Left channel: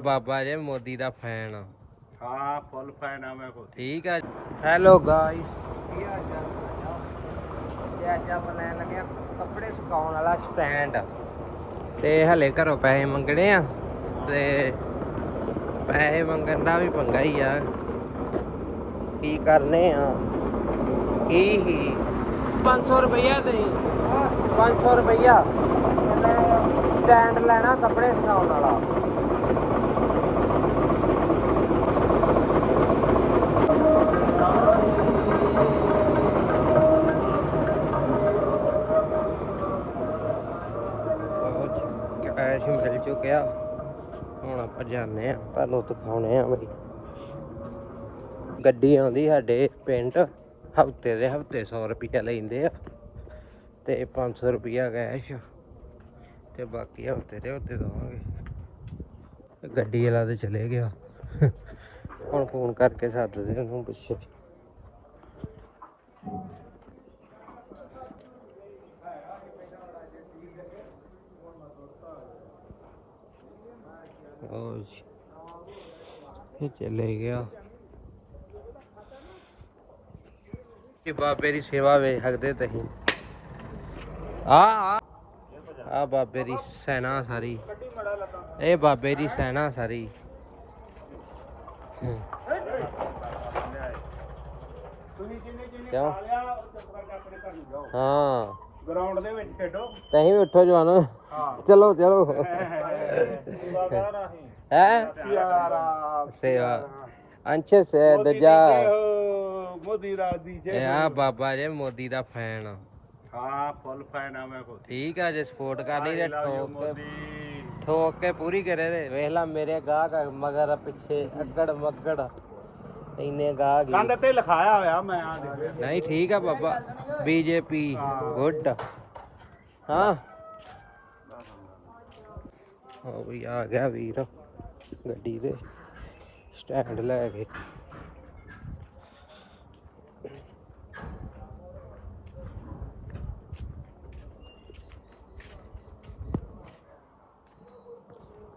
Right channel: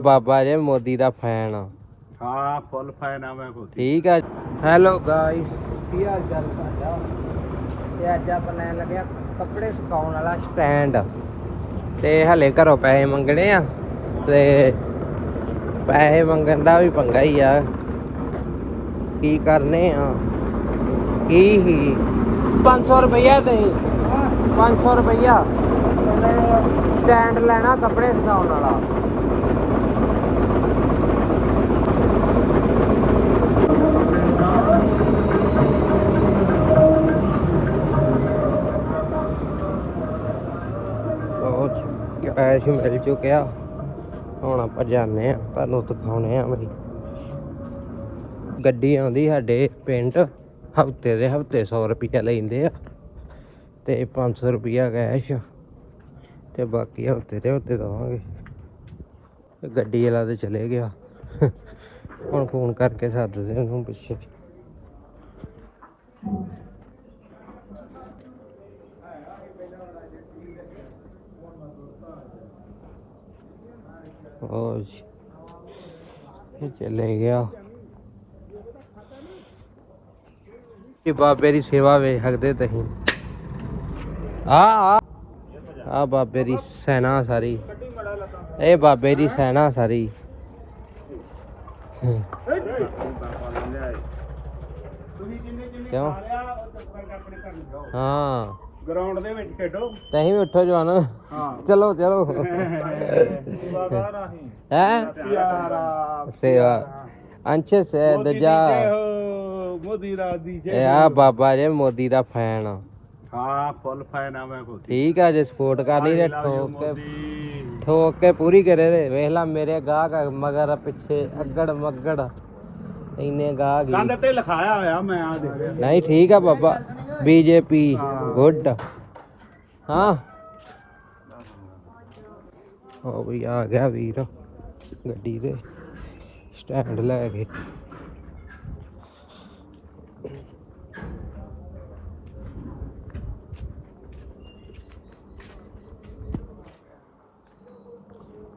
ਬਾਬਾ ਜੇ ਮੋਦੀ ਦਾ ਫੈਨ ਆ। ਹਾਂ ਫੁੱਲ ਫੈਨ ਆ ਮੈਂ ਖੁਦ। ਠੀਕ ਆ। ਹੈਲੋ ਗਾਇਸ ਕੀ ਹਾਲ ਚਾਲ ਤੁਹਾਡਾ? ਤੇ ਅੱਜ ਆਪਾਂ ਲੈਣ ਲੱਗੇ ਆ ਕੱਪੜੇ ਸੁਕਾਉਣ ਵਾਲਾ ਸਟੈਂਡ ਤੇ ਹਲੇ ਘਰੋਂ ਪੈਸੇ ਮੰਗਣੇ ਆ ਤੇ ਪੈਸੇ ਮੰਗਣ ਦਾ ਵੀ ਪੰਗਾ ਹੀ ਆ। ਕੀ ਕਰਨੇ ਆ? ਕੀ ਹੀ? 500 ਰੁਪਈਆ ਦੇ। 500 ਰੁਪਈਆ। ਸਟੈਂਡ ਲੈਣਾ ਕੱਪੜੇ ਸੁਕਾਉਣ ਵਾਲਾ। ਕੈਸ਼ ਮਿਲ ਚੁੱਕਿਆ। ਹੁਣ ਆਪਾਂ ਜਾਂਦੇ ਆ ਤੁਹਾਨੂੰ ਦਿਖਾਉਣੇ ਆ ਗੱਡੀ ਆਉਂਦੀ ਸਾਡੇ ਪਿੰਡ ਹਫ਼ਤੇ ਦੇ ਹਫ਼ਤੇ 100 ਰੁਪਈਆ ਲੈਂਦੇ ਆ। ਤੇ 500 ਰੁਪਈਆ ਕੈਸ਼ ਤੇ ਬਾਕੀ ਹਫ਼ਤੇ ਦੇ ਹਫ਼ਤੇ ਦਵਾਂਗੇ। ਗੱਡੀ ਵਾਲਾ ਤੇ ਚਲੇ ਗਿਆ। ਹੁਣ ਫੋਨ ਕਰਕੇ ਸੱਦਦੇ ਉਹਨੂੰ ਪਿੱਛੇ। ਉਹ ਜੀ, ਇਹ ਚਲੇ ਗਿਆ ਇਹ ਬਾਬੇ ਦੀ ਸੇਵਾ ਵੇਖ ਸਕਦੇ ਤੁਸੀਂ ਆ ਆ ਆ ਬਾਬੇ ਦੀ ਸੈਨਾ ਸਾਰੀ ਇਹ ਬਾਬੇ ਦੀ ਸੈਨਾ ਸਾਰੀ ਹੂੰ। ਕਿਉਂ ਹਾਂ ਗਰਾਊਂਡ ਦੇ ਵਿੱਚ ਖੇਡੋ। ਤਹੀਂ ਵੀ ਉੱਠੋ ਜਵਾਨਾ। ਹਾਂ। ਚਲੋ ਚਲੋ। ਹੈ? ਸਿਆਰਾ ਸੇਵਾ। ਅੰਸ਼ ਸੇ ਦਜਾ ਮੋਦੀ ਦੀ ਇਹ ਆ ਬਾਬਾ ਜੇ ਮੋਦੀ ਦਾ ਫੈਨ। ਹਾਂ ਫੁੱਲ ਫੈਨ ਆ ਮੈਂ ਖੁਦ। ਠੀਕ ਆ ਜੇ ਸਪੋਰਟ ਕਰਨੀ ਤੇ ਠੋਕ ਕੇ- ਮੋਦੀ ਪੂਰੀ ਕਰੇ ਰੇ ਵੇਖ ਲਾ ਮੇਰੇ ਗਾਹਕ ਮਗਰ ਪਿੱਛੇ ਅੱਗੜ ਮੱਗੜ। ਇੰਨੇ ਗਾਹਕ ਕੰਧ ਤੇ ਲਿਖਾਇਆ ਹੋਇਆ ਮੈਂ ਆ ਦੇਖ ਰਿਹਾ। ਨਹੀਂ ਠੀਕ ਆ ਬਾਬਾ। BJP, good. ਹਾਂ। ਹੋ ਵੀ ਆ ਗਿਆ ਵੀਰ, ਗੱਡੀ ਦੇ ਸਟੈਂਡ ਲੈ ਕੇ।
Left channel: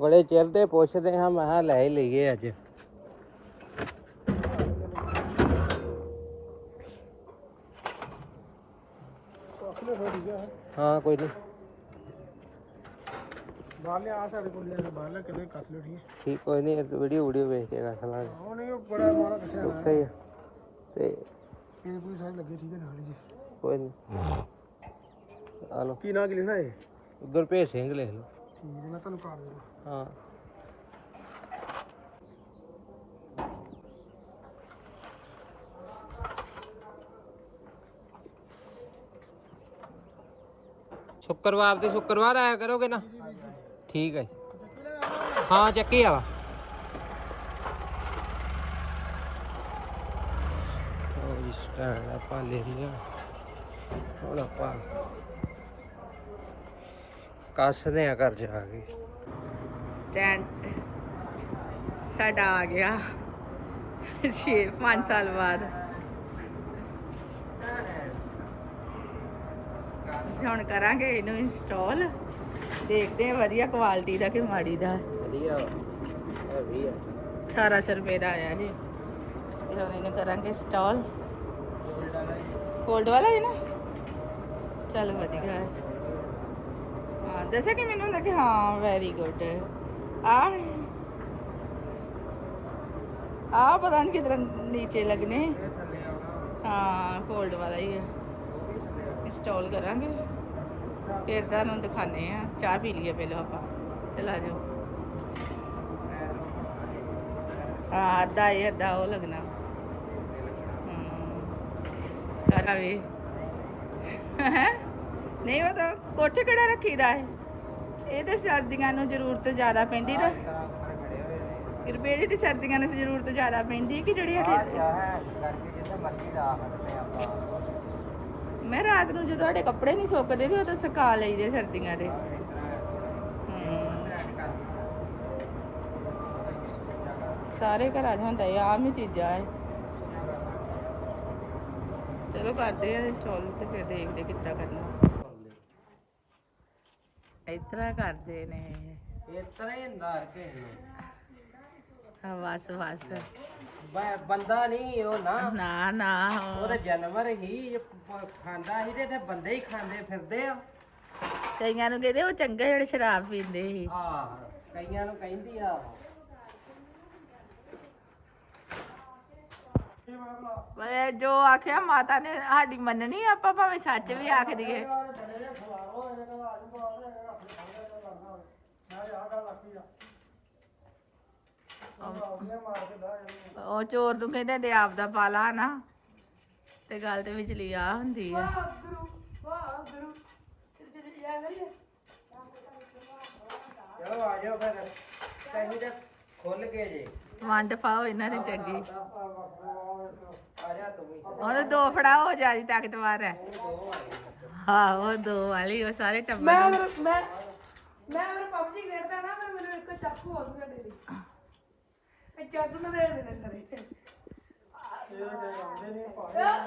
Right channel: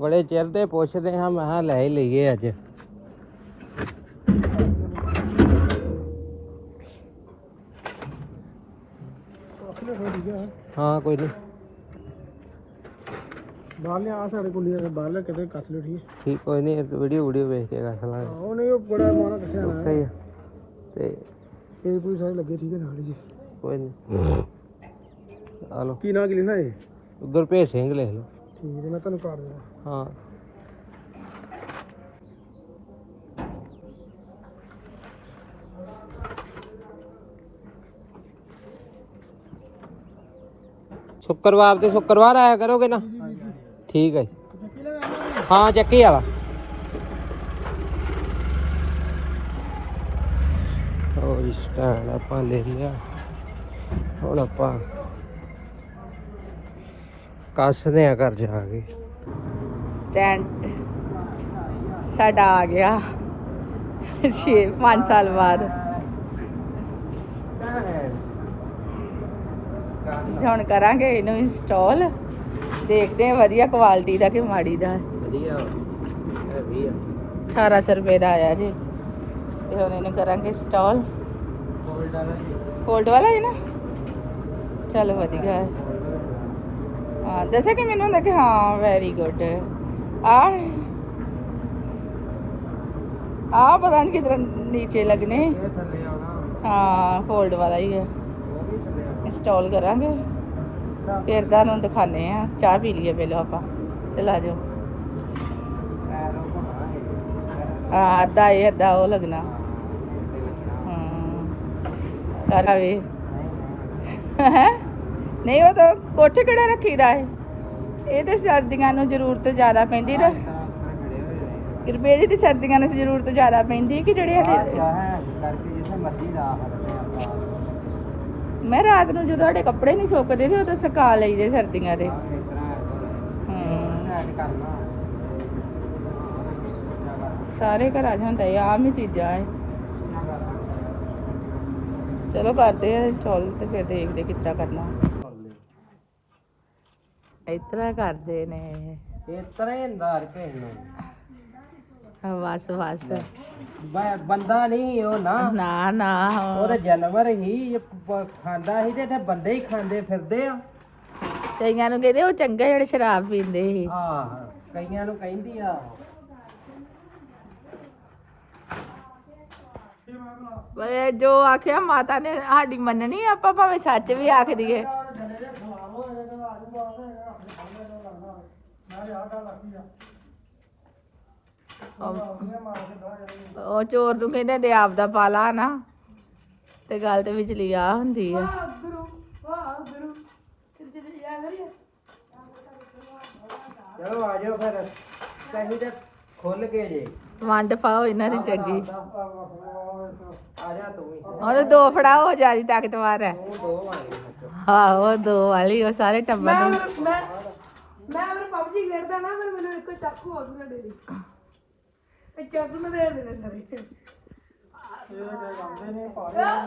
ਬੜੇ ਚਿਰ ਤੇ ਪੁੱਛਦੇ ਹਾਂ, ਮੈਂ ਲੈ ਹੀ ਲਈਏ ਅੱਜ। ਹਾਂ ਕੋਈ ਨਹੀਂ। ਬਾਹਰ ਲਿਆ ਸਾਡੇ ਕੁਲੀਆਂ ਦੇ ਬਾਹਰ ਲੈ ਕਿਤੇ ਕੱਸ ਲਿਓ ਠੀਕ ਠੀਕ ਕੋਈ ਨਹੀਂ ਵੀਡੀਓ ਵੀਡੀਓ ਵੇਖ ਕੇ ਕਰ ਲਾਂਗੇ ਉਹ ਨਹੀਂ ਉਹ ਬੜਾ ਮਾਰਾ ਕੱਸਿਆ ਸਹੀ ਆ। ਤੇ ਇਹ ਕੋਈ ਸਾਰੇ ਲੱਗੇ ਠੀਕ ਹੈ ਨਾਲ ਹੀ ਜੀ। ਕੋਈ ਨਹੀਂ। ਆ ਲਓ। ਕੀ ਨਾਂ ਕੀ ਲਿਖਣਾ ਹੈ ਗੁਰਪ੍ਰੀਤ ਸਿੰਘ ਲਿਖ ਲਓ। ਠੀਕ ਹੈ ਮੈਂ ਤੁਹਾਨੂੰ ਕਾਰਡ ਦੇਣਾ ਹਾਂ। ਸ਼ੁੱਕਰਵਾਰ ਤੇ ਸ਼ੁੱਕਰਵਾਰ ਆਇਆ ਕਰੋਗੇ ਨਾ? ਠੀਕ ਹੈ ਹਾਂ, ਚੱਕੀ ਆ ਵਾ। ਸਟੈਂਡ ਆਪਾਂ ਲੈ ਲਿਆ। ਹੁਣ ਆਪਾਂ ਕੱਸਦੇ ਆ ਘਰ ਜਾ ਸਟੈਂਡ ਸਾਡਾ ਆ ਗਿਆ। 6 5 ਸਾਲ ਬਾਅਦ। ਹੁਣ ਕਰਾਂਗੇ ਇਹਨੂੰ ਇੰਸਟਾਲ ਦੇਖਦੇ ਹਾਂ ਵਧੀਆ ਕੁਆਲਿਟੀ ਦਾ ਕਿ ਮਾੜੀ ਦਾ। 1800 ਰੁਪਏ ਦਾ ਆਇਆ ਜੀ। ਤੇ ਹੁਣ ਇਹਨੂੰ ਕਰਾਂਗੇ ਇੰਸਟਾਲ ਫੋਲਡ ਵਾਲਾ ਹੈ ਨਾ? ਚਲ ਵਧੀਆ। ਹੈ ਹਾਂ ਦੱਸਿਆ ਕਿ ਮੈਨੂੰ ਹੁੰਦਾ ਕਿ ਹਾਂ ਵੈਰੀ ਗੁੱਡ ਆ। ਆ ਪਤਾ ਨਹੀਂ ਕਿਧਰ ਨੀਚੇ ਲੱਗਨੇ। ਹਾਂ ਫੋਲਡ ਵਾਲਾ ਹੀ ਹੈ ਇੰਸਟਾਲ ਕਰਾਂਗੇ। ਫਿਰ ਤੁਹਾਨੂੰ ਦਿਖਾਣੇ ਆ ਚਾਹ ਪੀ ਲਈਏ ਪਹਿਲਾਂ ਆਪਾਂ। ਚਲਾ ਜਾਓ। ਹਾਂ, ਅੱਧਾ ਇਹ, ਅੱਧਾ ਉਹ ਲੱਗਣਾ। ਹਾਂ। ਕਰਾ ਨਹੀਂ, ਉਹ ਤਾਂ ਕੋਠੇ ਕਿਹੜਾ ਰੱਖੀਦਾ ਹੈ ਇਹ ਤੇ ਸਰਦੀਆਂ ਨੂੰ ਜ਼ਰੂਰਤ ਜ਼ਿਆਦਾ ਪੈਂਦੀ ਰ ਕਿਰਪੇ ਜੀ ਦੀ ਸਰਦੀਆਂ ਨੂੰ ਜ਼ਰੂਰਤ ਜ਼ਿਆਦਾ ਪੈਂਦੀ ਕਿ ਜਿਹੜੇ ਸਾਡੇ ਕਰਕੇ ਜਿੱਥੇ ਮਰਜ਼ੀ ਲਾ ਮੈਂ ਰਾਤ ਨੂੰ ਜਦੋਂ ਸਾਡੇ ਕੱਪੜੇ ਨਹੀਂ ਸੁੱਕਦੇ ਤੇ ਉਦੋਂ ਸੁਕਾ ਲਈਦੇ ਸਰਦੀਆਂ ਦੇ। ਸਾਰੇ ਘਰਾਂ 'ਚ ਹੁੰਦਾ ਇਹ ਆਮ ਹੀ ਚੀਜ਼ਾਂ ਹੈ? ਚਲੋ ਕਰਦੇ ਆ ਇੰਸਟਾਲ ਤੇ ਫਿਰ ਦੇਖਦੇ ਕਿੱਦਾਂ ਕਰਨਾ। ਇਸ ਤਰ੍ਹਾਂ ਕਰਦੇ ਨੇ ਇਸ ਤਰ੍ਹਾਂ ਹੀ ਅੰਦਾਰ ਕੇ ਨੂੰ। ਹਾਂ, ਬਸ ਬਸ। ਬ- ਬੰਦਾ ਨਹੀਂ ਉਹ ਨਾ। ਨਾ ਨਾ। ਉਹਦਾ ਜਾਨਵਰ ਹੀ ਪ- ਖਾਂਦਾ ਸੀ ਤੇ ਇੱਥੇ ਬੰਦੇ ਹੀ ਖਾਂਦੇ ਫਿਰਦੇ ਆ। ਕਈਆਂ ਨੂੰ ਕਹਿੰਦੇ ਉਹ ਚੰਗੇ ਜਿਹੜੇ ਸ਼ਰਾਬ ਪੀਂਦੇ ਸੀ। ਆਹ ਕਈਆਂ ਨੂੰ ਕਹਿੰਦੀ ਆ। ਪਰ ਜੋ ਆਖਿਆ ਮਾਤਾ ਨੇ ਸਾਡੀ ਮੰਨਣੀ ਆਪਾਂ ਭਾਵੇਂ ਸੱਚ ਵੀ ਆਖ ਦਈਏ। ਉਹ- ਚੋਰ ਨੂੰ ਕਹਿੰਦੇ ਦੇ ਆਪ ਦਾ ਪਾਲਾ ਨਾ। ਤੇ ਗੱਲ ਤੇ ਵਿਚਲੀ ਆ ਹੁੰਦੀ ਆ। ਚਲੋ ਆ ਜਾਓ ਫਿਰ। ਕਹੀਂ ਤੇ ਖੁੱਲ ਗਏ ਜੇ। ਵੰਡ ਪਾਓ ਇਹਨਾਂ ਦੀ ਚੰਗੀ। ਆ ਜਾ ਤੂੰ ਉਹਦੇ ਦੋ ਫੜਾਓ ਉਹ ਜਿਆਦੀ ਤਾਕਤਵਰ ਹੈ। ਤੂੰ ਦੋ ਵਾਲੀ ਹਾਂ ਉਹ ਦੋ ਵਾਲੀ ਉਹ ਸਾਰੇ ਟੱਬਰ ਨੂੰ। ਮੈਂ ਆਪਣੇ ਪਬਜੀ ਖੇਡਦਾ ਨਾ ਫਿਰ ਮੈਨੂੰ ਇੱਕ ਚਾਕੂ ਆ ਗਿਆ ਡੇਰੀ। ਇਹ ਚਾਕੂ ਮੈਂ ਦੇ ਦੇ ਦੇ ਭਾਰ ਨਹੀਂ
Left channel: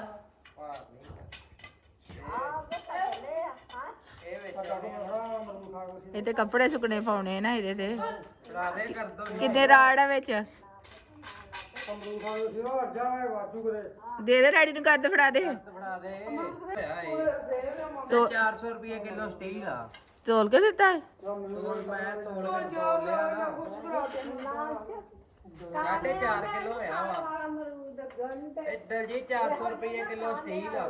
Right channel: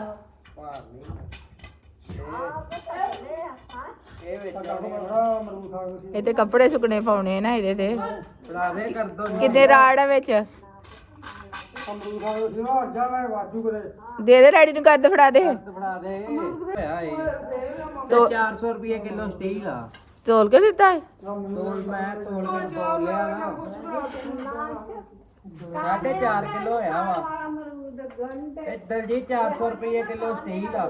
ਇਹ ਵਿੱਚ ਆਉਣੇ ਇਹ ਤੇ ਕੱਪੜੇ ਸੁਕਣੇ ਪਾਉਣੇ ਨਾ ਇਹਦੇ ਤੇ। ਫੜਾ ਦੇ ਕਰ ਦੋ ਕਿੰਨੇ ਰਾੜ ਆ ਵਿੱਚ? ਕਰੇ ਦੇ ਦੇ ਰੈਡੀ ਨੂੰ ਕੱਦ ਫੜਾ ਦੇ। ਫੜਾ ਦੇ। ਤੋ- 400 ਰੁਪਏ ਕਿਲੋ ਸਟੀਲ ਆ। ਤੋਲ ਕੇ ਦਿੱਤਾ? ਹੈ? ਤੋਲ ਮੈਂ ਤੋਲ ਕੇ ਤੋਲ ਲਿਆ ਨਾ। ਸਾਢੇ 4 ਕਿਲੋ ਹੋਇਆ ਵਾ। ਇਹ ਦਲਜੀ 400 ਰੁਪਏ ਕਿਲੋ ਸਟੀਲ ਆ।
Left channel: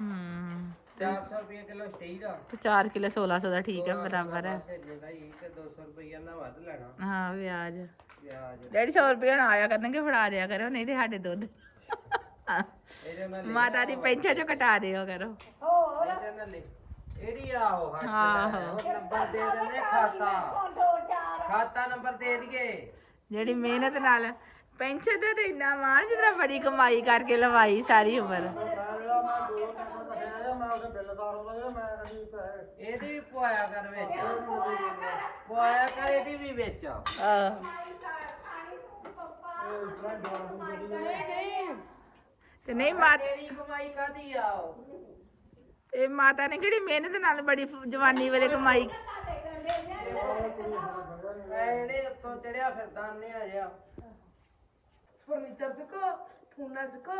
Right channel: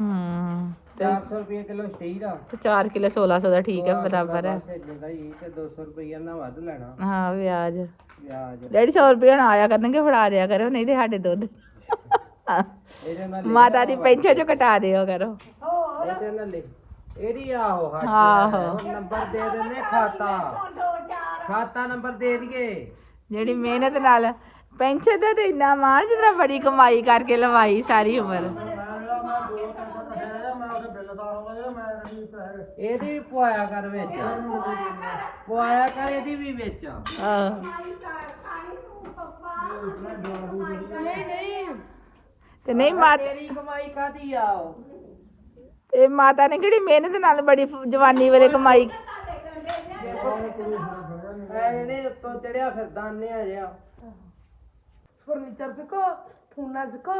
ਹੂੰ। 400 ਰੁਪਏ ਕਿਲੋ ਸਟੀਲ ਆ। ਤੇ 4 ਕਿਲੋ 1600 ਦਾ ਠੀਕ ਹੈ ਬਰਾਬਰ ਹੈ ਹੀ ਕਿ 200 ਰੁਪਏ ਨਾ ਵੱਧ ਲੈਣਾ। ਹਾਂ ਵਿਆਜ। ਵਿਆਜ। ਡੈਡੀ 100 ਰੁਪਏ ਨਾ ਆਇਆ ਕਰਨਗੇ ਫੜਾ ਦਿਆ ਕਰੋ ਨਹੀਂ ਤੇ ਸਾਡੇ ਦੁੱਧ। ਮਾਤਾ ਦੀ ਪੈਨਸ਼ਨ ਚੋਂ ਕਟਾ ਦਿਓ ਕਰੋ। ਇਹਦੇ ਨਾਲ ਲਿਖ। ਇਹਦੀ ਆਹੋ। ਹੋਰ ਨੰਬਰ ਦੇ ਦਿੰਨੇ ਖਾਤਾ। ਖਾਤਾ ਨੰਬਰ ਦੇ ਦਈਏ। ਜਿਹੜੀ ਮਿਹਨਤ ਨਾਲ ਪੈਨਸ਼ਨ ਤੇ ਤੇ ਇੰਨਾ ਮਾਣ ਜਿਤਨਾ ਬੜੀ ਕਮਾਈ ਕਰਕੇ ਲਵਾਈ ਸਾਰੀ ਉਮਰ। ਇਹਦੀ ਵੀ ਪਵਾਇਆ ਕਰ ਵਿੱਚ। ਪਵਾਇਆ ਕਰ ਇਹਦੀ ਵੀ ਵਿੱਚ। ਤੇ ਨਹੀਂ ਮਾਤਾ ਤੇਰੀ ਕਮਾਈ ਕਾਦੀ ਆ ਉਹ? ਤੇ ਮਾਤਾ ਨੇ ਕਿਹੜੀ ਮਿਹਨਤ ਨਾਲ ਬੜੀ ਫ- ਜਵਾਨੀ ਵੇਲੇ ਕਮਾਈ ਐਨੇ ਉੱਤੋਂ ਚੜਿਆ ਫਿਰਦਾ ਅੰਨੇ ਆ ਜਿਆ ਫਰਨੀਚਰ ਸਿੱਖੋ ਫੋਨਾਂ ਸਿੱਖੋ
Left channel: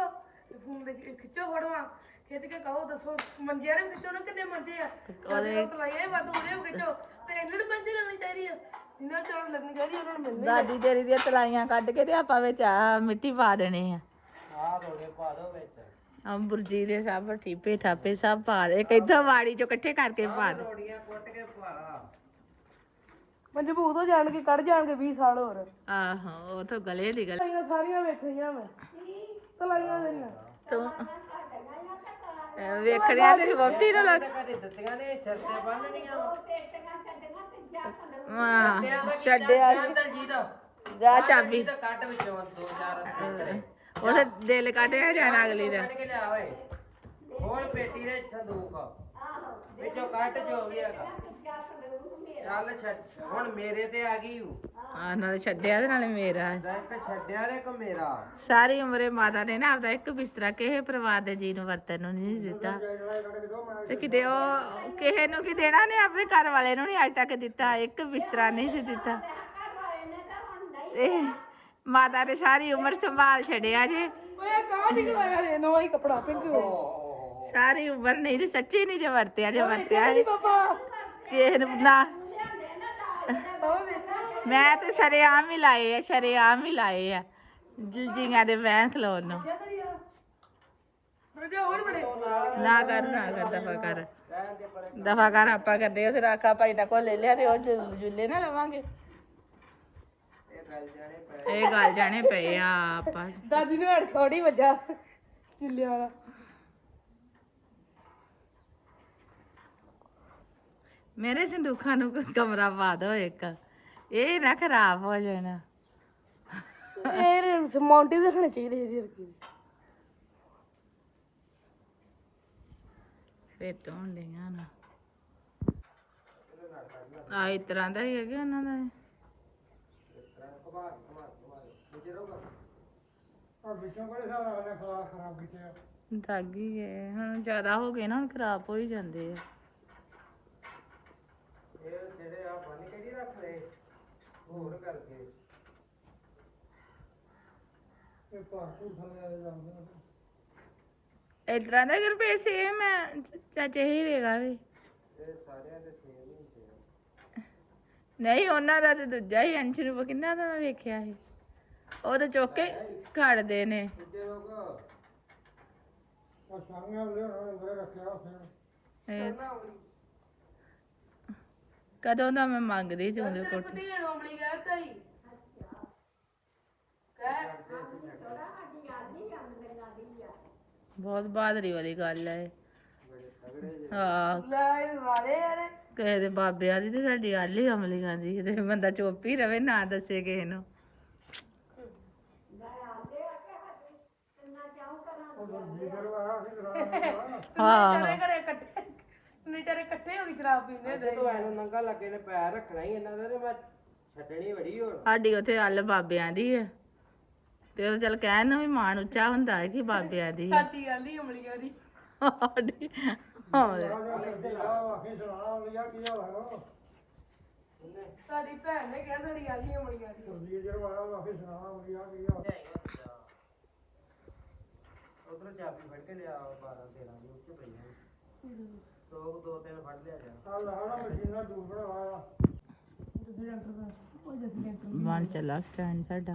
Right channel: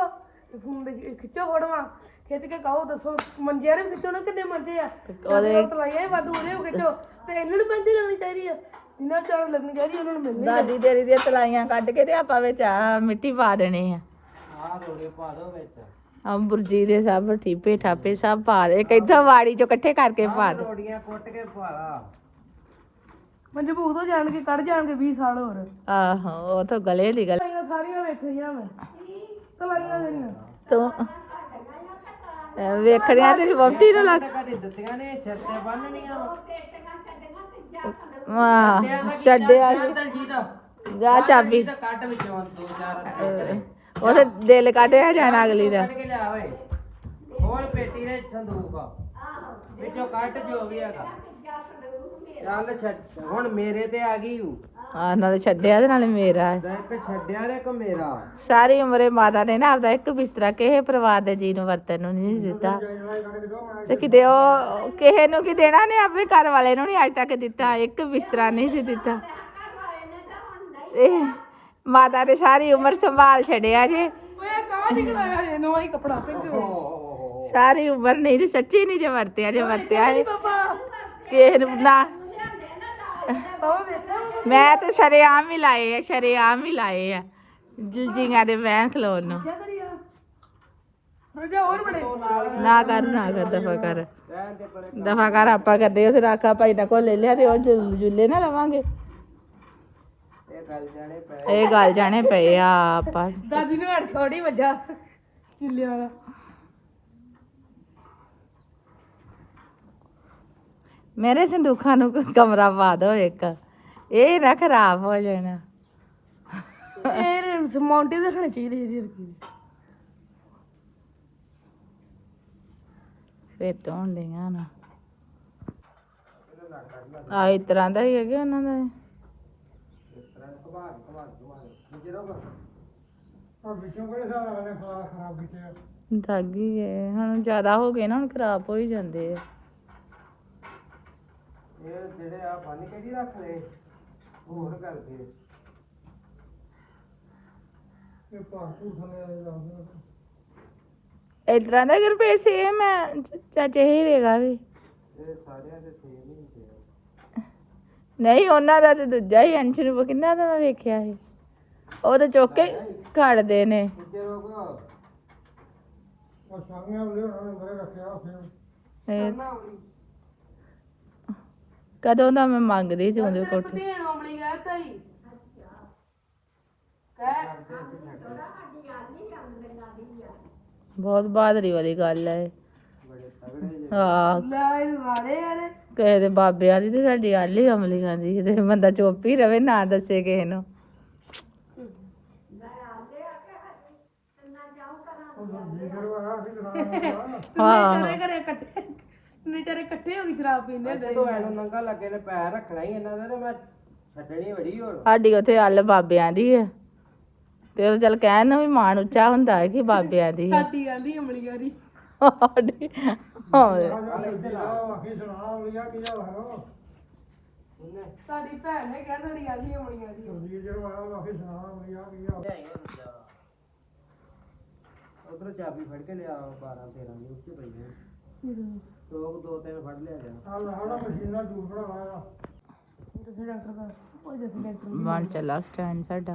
ਤੇ ਫੋਨ ਦੇ ਖਿੱਚੋ ਫੜਵਾ। ਖਿੱਚ ਕੇ ਕਹੋ ਦੱਸੋ ਮੰਜੇ ਨੇ ਖਿੱਚੋ ਨਾ ਕਿੰਨੇ ਮੰਜੇ ਆ। ਉਹਦੇ ਤਲਾਈਆਂ ਵਾਧੂ ਉਹਦੇ ਵੀ ਖਿੱਚੋ। ਤੇ ਇਹਨਾਂ ਨੂੰ ਮੰਜੇ ਲੱਗਣੀ ਚਾਹੀਦੀ ਆ। ਜਿਨ੍ਹਾਂ ਨੂੰ ਚਾਲ ਲੱਗਣੀ ਚਾਹੀਦੀ ਉਹਨਾਂ ਨੂੰ ਮਿਲਣੀ ਦਾਦੀ ਤੇਰੀ ਦੀਆਂ ਤਲਾਈਆਂ ਕੱਢ ਕੇ ਤੇ ਆਪਾਂ ਵਿੱਚ ਆ ਮਿੱਟੀ ਪਾ ਦੇਣੀ ਆ। ਆ ਰੋੜੇ ਪਾ ਦੋ ਵਿੱਚ। ਆ ਬੁਰਜੀ ਦੇ ਸਭ ਠੀਪੇ ਠਾਪੇ ਸਭ ਪਾ ਦੇ। ਇੱਕ ਇੱਥੋਂ ਵਾੜੀ ਚੋਂ ਇਕੱਠੇ ਕਰਕੇ ਪਾ ਦੇ। ਰੋੜੀਆਂ ਕੁੱਟ ਕੇ ਪਾ। ਮਜਬੂਤ ਹੋ ਜਾਣਗੇ ਕੱਢ ਜਾਣਗੇ 20 ਸਾਲ ਹੋਰ। ਆਹੋ ਉਹ ਤਾਂ ਗਲੇ ਦੀ ਗੱਲ। ਤਲਾਈਆਂ ਸਾਰੀਆਂ ਵੇਖੀਆਂ ਮੈਂ। ਤਲਾਈਆਂ ਜਿਹੜੀਆਂ। ਤੂੰ ਅਹ ਵੇਖਣਿਆ ਤੇ ਵੋਟੀ ਨੂੰ ਲੱਗ ਕਦੇ ਦਿੱਤੀਆਂ ਨੇ ਛੱਤ ਤੇ ਬੰਨਣੀਆਂ ਵਾ। ਵਾਹ ਛੱਡਿਆ ਨੀ। ਦਲਜੀ ਦਾ ਜਾ ਚਾਬੀ। ਤਾਂ ਕੱਟ ਵਿੱਚੋਂ ਦੋ ਚਾਰ ਅਹ ਉਹਦੇ ਦਿਲ ਕੱਢਿਆ ਜਾਣਾ ਅਗਲੀ ਦਾ। ਕੱਢ ਕੇ ਲਿਆ ਓਏ। ਹੋਰ ਪੇਟੀ ਦੇ ਸੰਦੂਕ ਵਿੱਚੋਂ ਕੱਟ ਜੋ ਵੀ ਹੈਗਾ। ਚੱਲ ਛੱਡ ਹੁਣ ਮੇਰੇ ਤੇ ਆ ਗਈ ਹੂੰ ਆ ਨਾਲੇ ਛੱਡਿਆ ਤੇ ਨਾਲੇ ਮੇਰਾ ਹੈ। ਇੱਕ ਛੱਡਿਆ ਨੇ ਇੱਕ ਮੇਰਾ? ਸਾਰੀ ਉਮਰੇ ਮਾਤਾ ਨੇ ਨਾ ਆਪਦਾ ਇੱਕ ਬਿਸਤਰਾ ਕਿਸੇ ਪਰਿਵਾਰ ਦੇ ਜੀ ਨੂੰ ਵਰਤਨ ਨੂੰ ਨਹੀਂ ਦਿੱਤਾ। ਤੇ ਕਿਤੇ ਉਹ ਕਿਸੇ ਨੂੰ ਕੀ ਦੇਣਾ ਨੇ ਆਪਣੇ ਘਰ ਵਾਲੇ ਨੂੰ ਨਹੀਂ ਅੱਜ ਤੱਕ ਦਿੱਤਾ ਇੱਕ ਬਿਸਤਰਾ ਨਹੀਂ ਸੀ ਦਿੱਤਾ। ਤੇ ਮਾਤਾ ਨੇ ਸਾਰੀ ਉਮਰ ਸੰਭਾਲ ਛੱਡਿਆ ਜੇ। ਇਹ ਓਹ ਸਾਰੀ ਉਮਰ ਨਹੀਂ ਜੇ ਸੱਚੀ ਨਹੀਂ ਜੇ ਵਰਤਿਆ ਜੇ ਵਰਤਿਆ ਹੈ ਕਿਸੇ ਨੂੰ ਨਾ ਮੈਂ ਤੇ ਸ਼ਰੇਆਮ ਹੀ ਲਾਏ ਆ, ਸ਼ਰੇਆਮ ਹੀ ਲਾਏ ਆ। ਜੀਆਂ ਦੇ ਬੈਂਕ ਖਲੋਣ ਨੂੰ। ਨਾ ਕਰ ਨਾ ਕਰ, ਦਫਾ ਕਰ। ਦਫਾ ਕਰ, ਆਪਾਂ ਕਰਦੇ ਉਸ ਰਾਖਾ ਭਾਈ ਦਾ ਕੋਲ ਲੈ ਲਿਆ ਤੇ ਉਹ ਝੁ- ਝੁੱਲੇ ਨਾ ਲਵਾਂਗੇ। ਇਹ ਗੱਲ ਜਾਣੇ ਪਏ ਆ, ਆਪਾਂ। ਦਾਦੀ ਨੇ ਹੜ ਛੋੜੀ ਵੱਜਾ ਚਿੱਲਿਆ ਵਾਲਾ। ਮੇਰੇ ਸੰਦੂਖਾਂ ਨੂੰ ਕਮਰਾ ਪਾ ਦਿਓ ਇੱਕ। ਇਹ ਨਾ ਖਰਾਬ ਹੋ ਜਾਣਾ। ਇਹ ਮਾਉਂਟੇ ਦੇਖਣੇ ਚਾਹੀਦੇ ਇਹਦੇ ਵਰਗੇ। ਫਿੱਟ ਹੋਣ ਡੀਆਂ ਨਾ। ਆ ਇਸ ਤਰ੍ਹਾਂ ਦਾ ਹੀ ਹੈਗੇ ਉਹਨਾਂ ਦਾ। ਦਾਗੀ ਗਏ ਹੁਣ ਜ਼ਿਆਦਾ ਹੋ ਗਏ ਨਾ ਹੁਣ ਖਰਾਬ ਹੋ ਹੀ ਜਾਂਦੇ ਆ। ਜਿਹੜੇ ਆ ਬੰਨ ਕੇ ਜੀ ਰੱਖ ਲਏ ਹੋਰ ਕਰਕੇ। ਇਤਰਾ ਦਾ ਗੁਰਪ੍ਰੀਤ ਸੇਮ ਹੈ ਚਾਚੇ ਹੀਰੇਗਾ ਵੀ ਇਹ ਸਾਰਿਆਂ ਦੇ ਸੇਮ ਹੀ ਹੁੰਦੇ ਆ। ਨਹੀਂ ਉਹਨਾਂ ਦਾ ਤੇ ਦੂਜਾ ਹੀ ਅੰਸ਼ ਨੂੰ ਕਿੰਨਾ ਦਾ ਮੈਂ ਵੇਖਿਆ ਸੀ। ਉਹ ਤਾਂ ਚੁੱਕ ਕੇ ਖੜਦੇ ਨੇ। ਦੂਜੇ ਲੋਕ ਇਹ ਕਦੋਂ ਦਾ ਮੈਂ ਮੰਗਦੀ ਸੀ ਉਹਦੇ ਕੋਠੇ ਦੇਣ ਗਿਆ ਤਾਈ। ਬਹੁਤ ਬਹਾਦਰੀ ਵਾਲੀ ਗੱਲ ਹੈ ਹਾਂ। ਲੈ ਵਾਲੇ ਯਾਰ ਕਿਸੇ ਦੇ ਬਾਬਿਆਂ ਦੀ ਤੇ ਸਾਡੀ ਹੀ ਅਮਲੀ ਖਾਂਦੀ ਤੇ ਬੰਦਾ ਚੁੱਪ ਹੀ ਰਵੇ ਨਾ ਦੱਸੇ ਕਿਸੇ ਨੂੰ। ਹਾਂ। ਘਰੇ ਘਰੇ ਇਕੱਠੇ ਨਿਚਾਰੇ ਇਕੱਠੇ ਹੋ ਕੇ ਸ਼ਰਾਬ ਪੀਂਦੇ ਹੁੰਦੇ ਜਦੋਂ ਮੈਨੂੰ ਨੰਗਾ ਲੱਗੇ ਨੇ ਪੈਰ ਰੱਖਣਾ ਹੀ ਇਹਨਾਂ ਦਾ ਤੇ ਮੈਂ ਛੱਡਣੀ ਬੜੀ ਹੋਰ। ਸਾਡੀ ਉੱਥੇ ਅੱਲ ਬਾਬਿਆਂ ਦੀ ਹੈ ਤੇ ਉਹ ਚੱਲ ਕਹਿਣ ਨੂੰ ਵੀ ਮਾਣ ਉੱਚਾ ਹੁੰਦਾ ਹੈ ਕਿ ਬਾਬਿਆਂ ਦੀ। ਹੈ ਸਾਡੀ ਆਲੀ ਅਮਲੀਆਂ ਦੀ। ਸਾਡੀ ਹਾਂ ਸਾਡੀ ਭੈਣ ਨੇ ਕਿਹਾ ਸਾਡੀ ਆਲੀ ਅਮਲੀਆਂ ਦੀ। ਉਧਰੋਂ ਚਾਬੀ ਫੜ ਕੇ ਲਿਆ 12 13 ਦੀ ਉੱਤੇ ਪਈ ਹੈ ਟੋਕ ਦੋ ਤਿੰਨ ਫੜ ਲਿਆ ਜਾ ਬਣ। ਚੱਲਾ ਸਟੈਂਡ ਸਾਡਾ।